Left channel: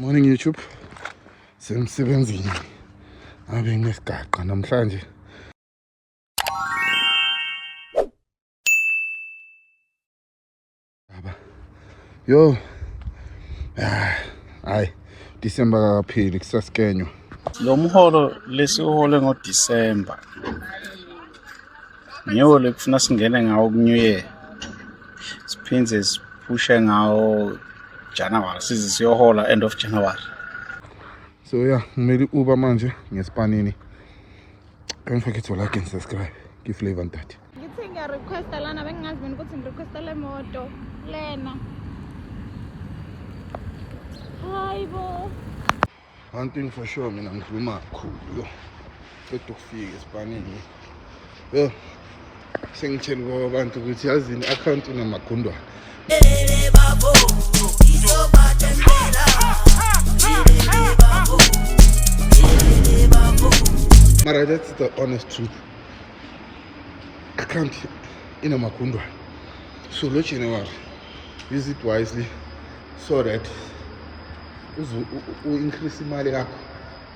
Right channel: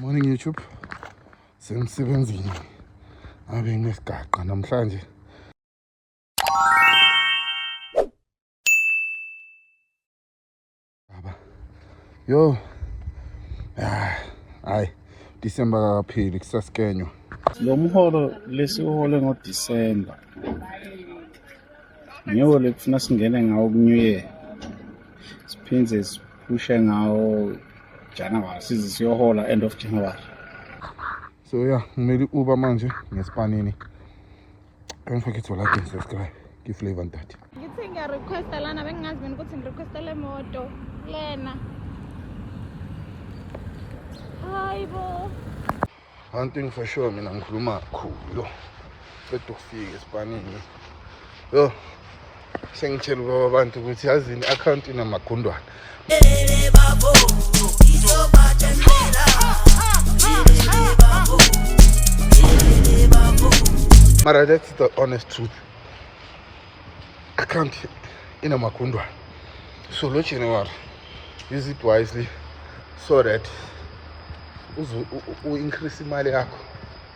Morning YouTube. Semsebenzini. Abe nesigaqa namhlanje. Yo. Hayi. December kapheli kusaskenywa. Lo mholo lesiwole ngoDisemba. Ngiyo lekufuna singene ngawo ku-New Year. Siphindze siphushe ngawo January size siyohola end of January. So yeah, ngimele Uber manje ngespanini. Don't forget to like and subscribe. Give flavor ntate. Ngithi ngiyarequesta lana bengingazi mina ukuthi ngirequesta le moto lena. Hayibo. One thing for sure mina ngikhuluma kakhulu. Fethu ukufika espanini. Yo. Sengitshela ubaba abantu ukuthi yazini account inamagundwana. Mara, that's the honest truth. Account inamagundwana. So lo January, use it wisely so that you increase imali yakho.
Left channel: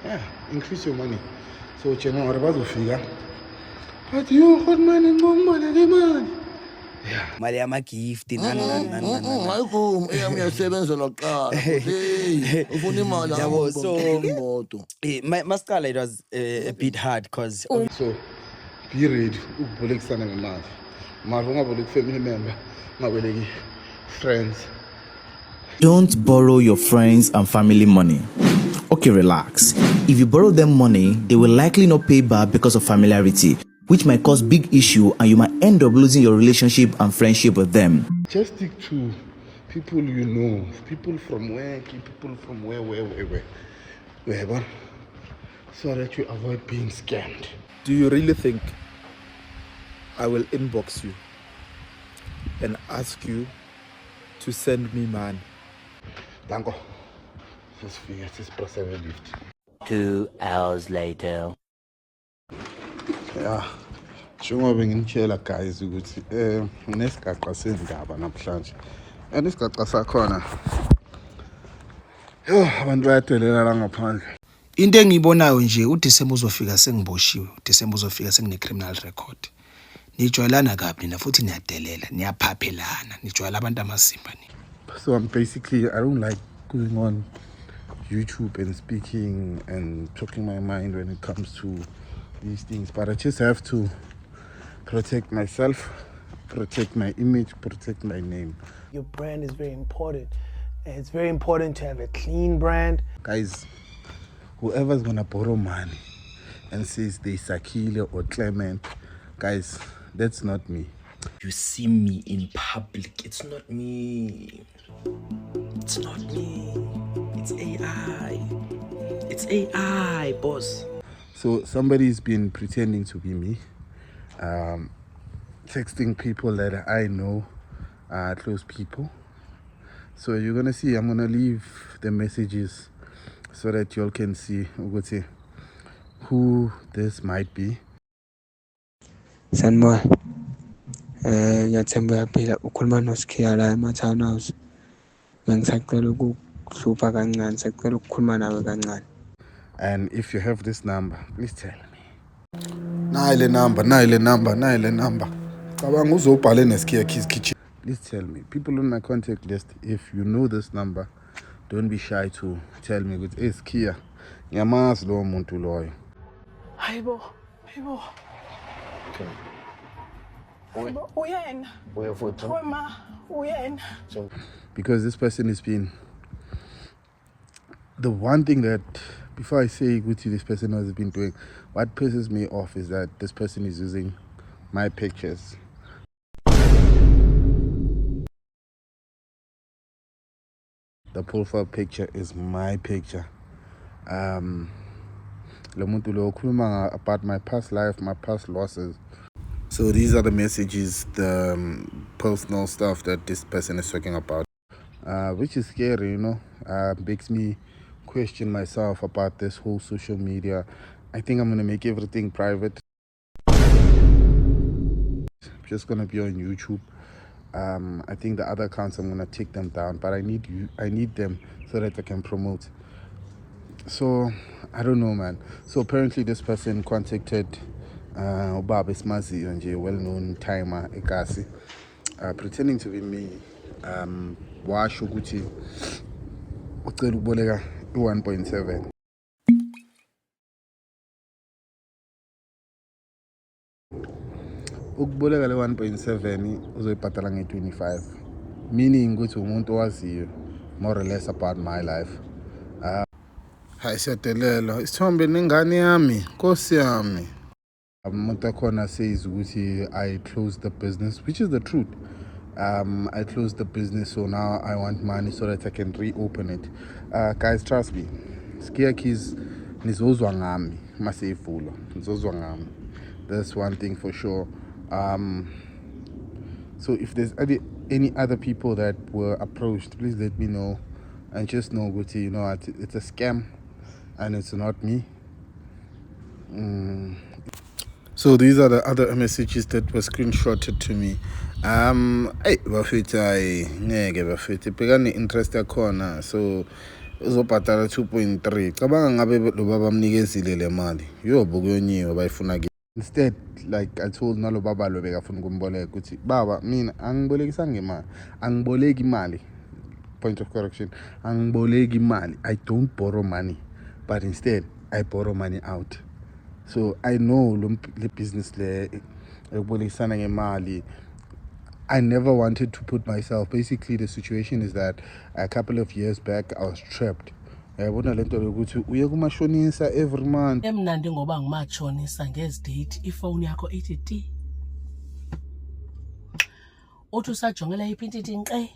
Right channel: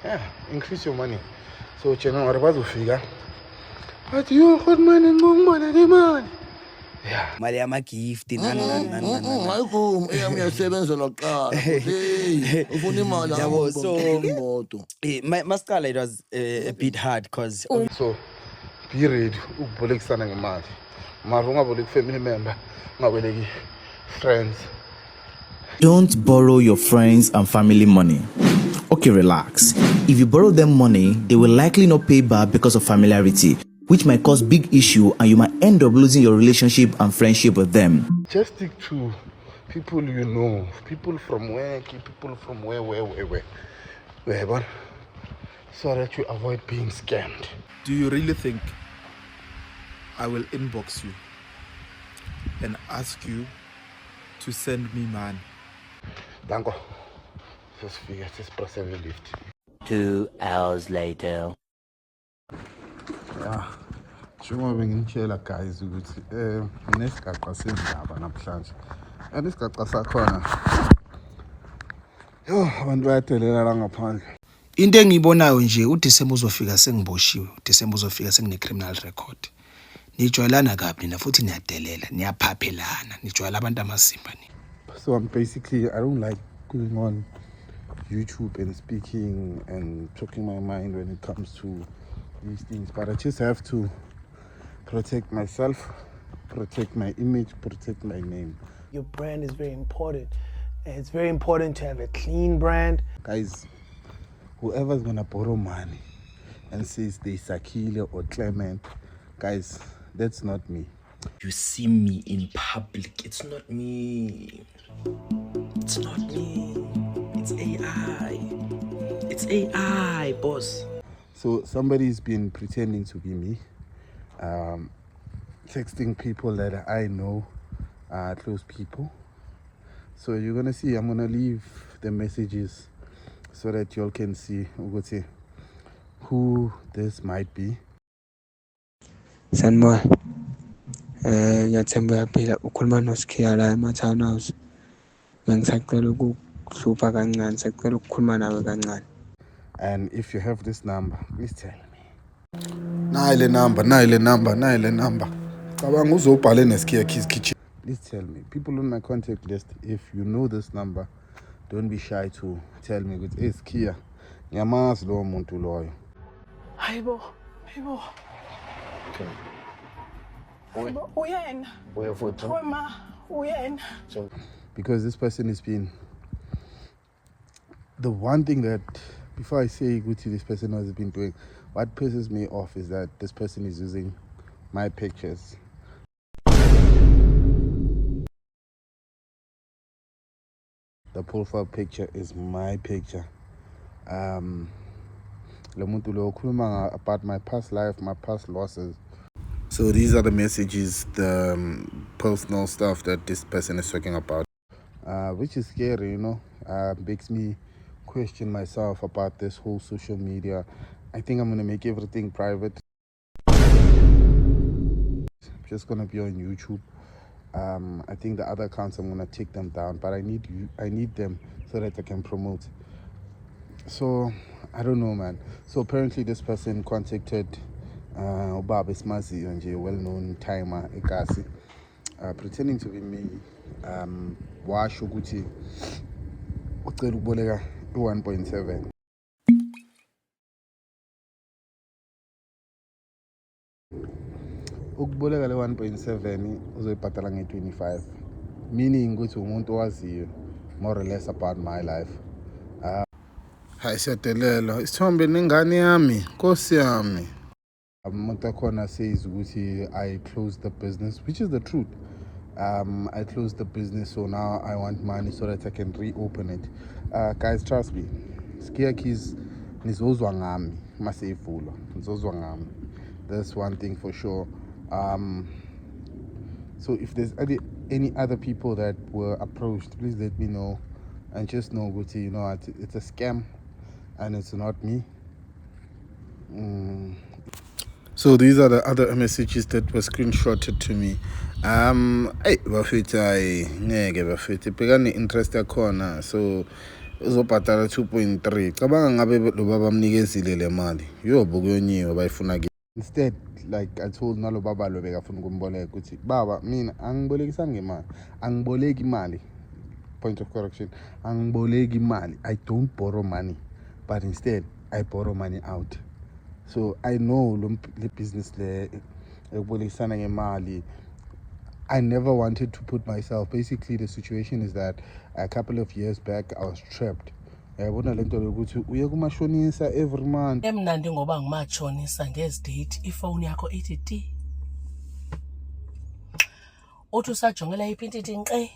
Yeah, increase your money. So January bazofika. But you got money. Yeah. Mali ama-gift Hayikum eyasebenza lokuqala. Hey, ufuna imali yabo. So imoto. Masicala, it was a bit hard because So be ready ukubolekisana ngemali. Mara ungaboleki family member, ungaboleki friends. Don't borrow your friends and family money. Okay, relax. If you borrow them money, they will likely not pay back because of familiarity, which might cause big issue and you might end up losing your relationship and friendship with them. Just stick to people you know, people from where, people from where, but so that you avoid being scammed. Do you really think I will inbox you and ask you to send me money? Danko, just press every lift. 2 hours later. Yeah, njengoba ngimtshela guys ukuthi nesigaqa sendaba namhlanje. Nesigaqa sakhona. Yo, abantu bayadelela la ngaphandle. Into engiyibonayo nje uDisemba uzofika sengiboshiwe, uDisemba uzofika sengine-criminal record. Nijwayelana kabi na futhi niyadelela, niyaphaphelana, nijwayela abantu amasimba ni. So basically I don't like going on YouTube and speaking and talking my mind when it comes to these things, but I just have to protect myself, protect my image, protect my name. Your brand is very important. And it's very important to have a clean brand. Guys, whoever's gonna borrow money and says they Sakile or Clement, guys, that's not me. You see me in public, it's not me. It's not me. It's AI. It's AI, boss. So somebody's been pretending to be me, texting people that I know, close people. So you're gonna see, I'm gonna leave the messages so that y'all can see who this might be. Sanboy, ngiyathemba uyaphila ukhuluma noSikhiya la eMatown House. Ngisacela ukuhlupha kancane, ngisacela ukukhuluma nawe kancane. And if you have this number, please tell me. Naile number. Cabanga uzobhala neSikhiya Kids Kitchen. Please tell me. People on my contact list, if you know this number, don't be shy to tell me with Sikhiya. Ngiyamazi lo muntu loyo. Hayibo. Uyena. Wema, uyena. Because this person has been the one thing that, before I say what this person has been doing, what pisses me off is that this person is using my pictures. The profile picture is my picture. About my past life, my past losses. So these are the messages, the personal stuff that this person is talking about, which is scary, you know. Makes me question myself about this whole social media. I think I'm gonna make everything private. I'm just gonna be on YouTube. I think the other accounts I'm gonna take them down, but I need them so that I can promote. So I don't know, man. So apparently this person contacted Ubaba Smazi, a well-known timer Ekasi, pretending to be me. Washo ukuthi ucela ukuboleka 1.7. Ukuboleka le 1.7 uzoyibhadala nge-25, meaning ukuthi umuntu owaziyo more or less about my life. Hayi siyadelela isithombe nengane yami, Nkosi yami. Umuntu akhona says ukuthi I closed the business, which is the truth. I closed the business, so now I want money so that I can reopen it. Guys, trust me, Skia Keys nizozwa ngami maseyivulwa, nizozwa ngami. That's one thing for sure. So if there's any other people that were approached, please let me know, and just know, Guti, you know, it's a scam and it's not me. So these are the other messages that were screenshotted to me. Hey, bafethu ngeke bafethu bhekani interest yakhona, so uzobhadala 2.3. Cabanga ngabe lo baba amnikezile le mali yobo kuyonyiwe bayifuna ke. Instead, like I told nalo baba lo bekafuna ukumboleka ukuthi baba mina angibolekisa ngemali, angiboleki imali. Point of correction, angiboleki imali. I don't borrow money, but instead I borrow money out. So I know the business le ebolekisana ngemali. I never wanted to put myself. Basically, the situation is that a couple of years back I was trapped. Yabona lento lokuthi uye kumashonisa every month. Emnandi ngoba ngimashonisa ngezidate ifone yakho ithi ti. Uthi usajongela iphintiti nqe.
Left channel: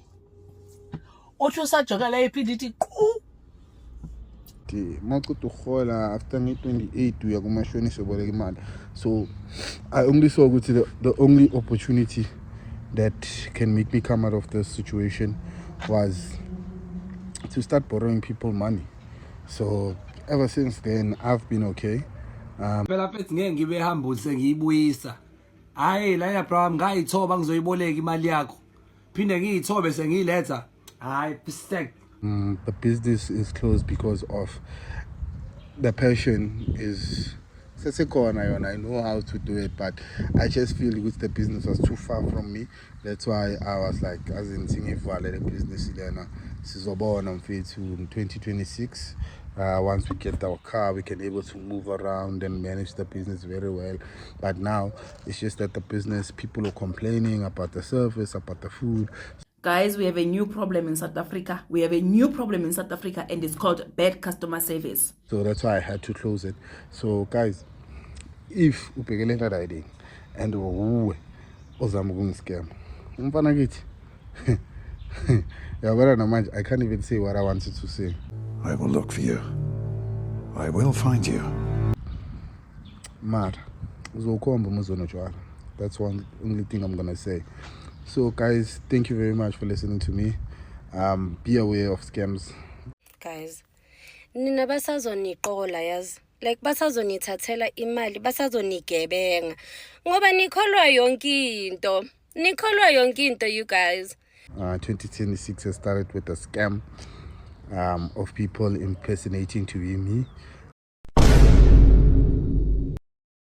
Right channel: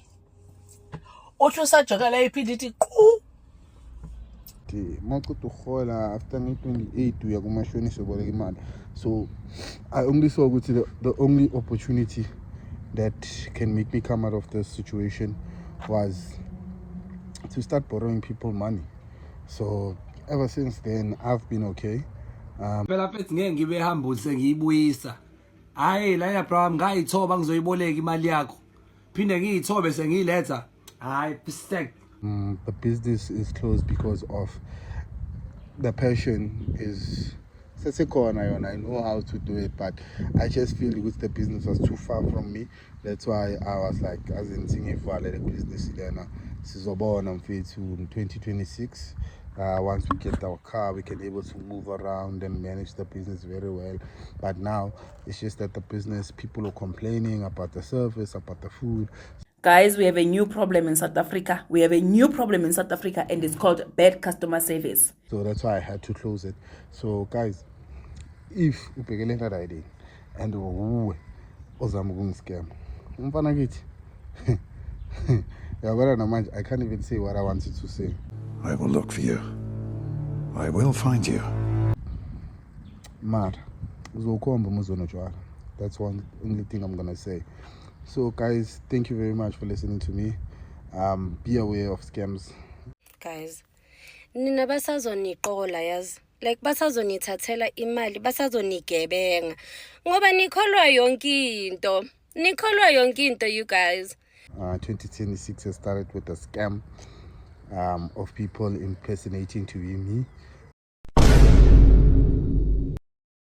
Uthi usajongela iphintiti qhu. Mawuqeda ukuhola after nge-28 uya kumashonisa uboleka imali. So I only saw ukuthi the only opportunity that can make me come out of this situation was to start borrowing people money. So ever since then I've been okay. Phela mfethu ngeke ngibe hambulise ngiyibuyisa. Hayi la ya bro ngayithoba ngizoyiboleka imali yakho. Phinde ngiyithobe sengiyiletha. Hayi mistake. The business is closed because of the passion is I know how to do it, but I just feel with the business was too far from me. That's why I was like, as in singing for the business in Sizobona in 2026. Once we get our car, we can able to move around and manage the business very well. But now it's just that the business, people are complaining about the service, about the food. Guys, we have a new problem in South Africa. We have a new problem in South Africa, and it's called bad customer service. So that's why I had to close it. So guys, if ubhekele that idea and uwe ozama ukungiscam, umfana kithi yabona namanje I can't even say what I wanted to say. I will look for you. I will find you. Mara uzokhomba umuzonotshwala. That's one only thing I'm gonna say. So guys, thank you very much for listening to me. Be aware of scams. Guys, nina basazoniqola yazi. Like basazonithathela imali, basazonigebenga. Ngoba nikholwa yonke into. Nikholwa yonke into, you guys. 2026 has started with a scam of people impersonating to be me.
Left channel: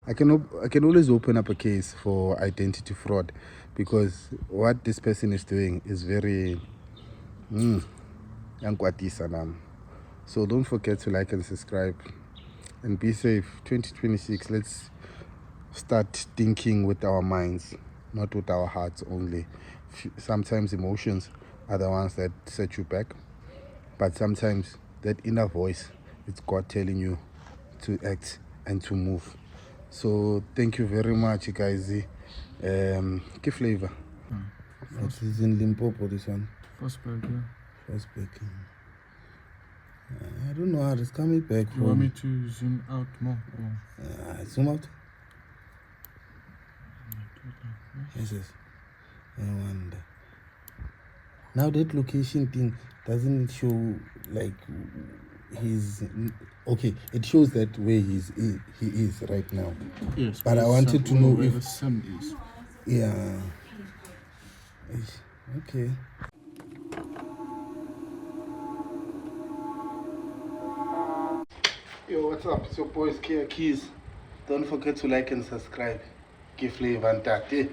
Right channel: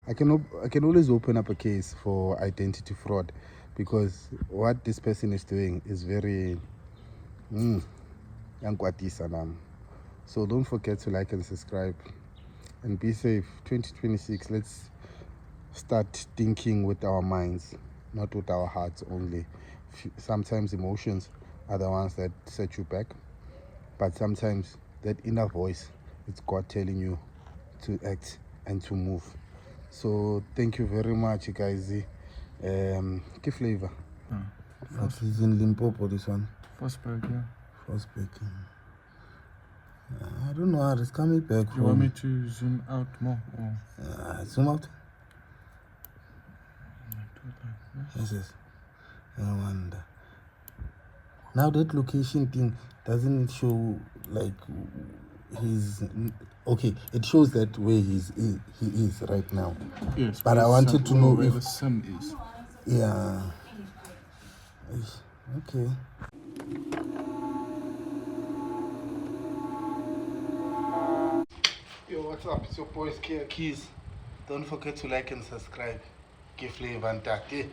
I can always open up a case for identity fraud, because what this person is doing is very so don't forget to like and subscribe and be safe. 2026, let's start thinking with our minds, not with our hearts only. Sometimes emotions are the ones that set you back, but sometimes that inner voice, it's God telling you to act and to move. So thank you very much, guys. Key flavor. It's in Limpopo, this one. Frostburg, yeah. Frostburg. I don't know how it's coming back. You want me to zoom out more? Zoom out? Yes, yes. I wonder. Now that location thing, doesn't it show like he's okay? It shows that where he is right now. Yes, but I wanted to know where if the sun is. Yeah. Okay. Yo, what's up? It's your boy Skia Keys. Don't forget to like and subscribe. Give Flavor and Tate.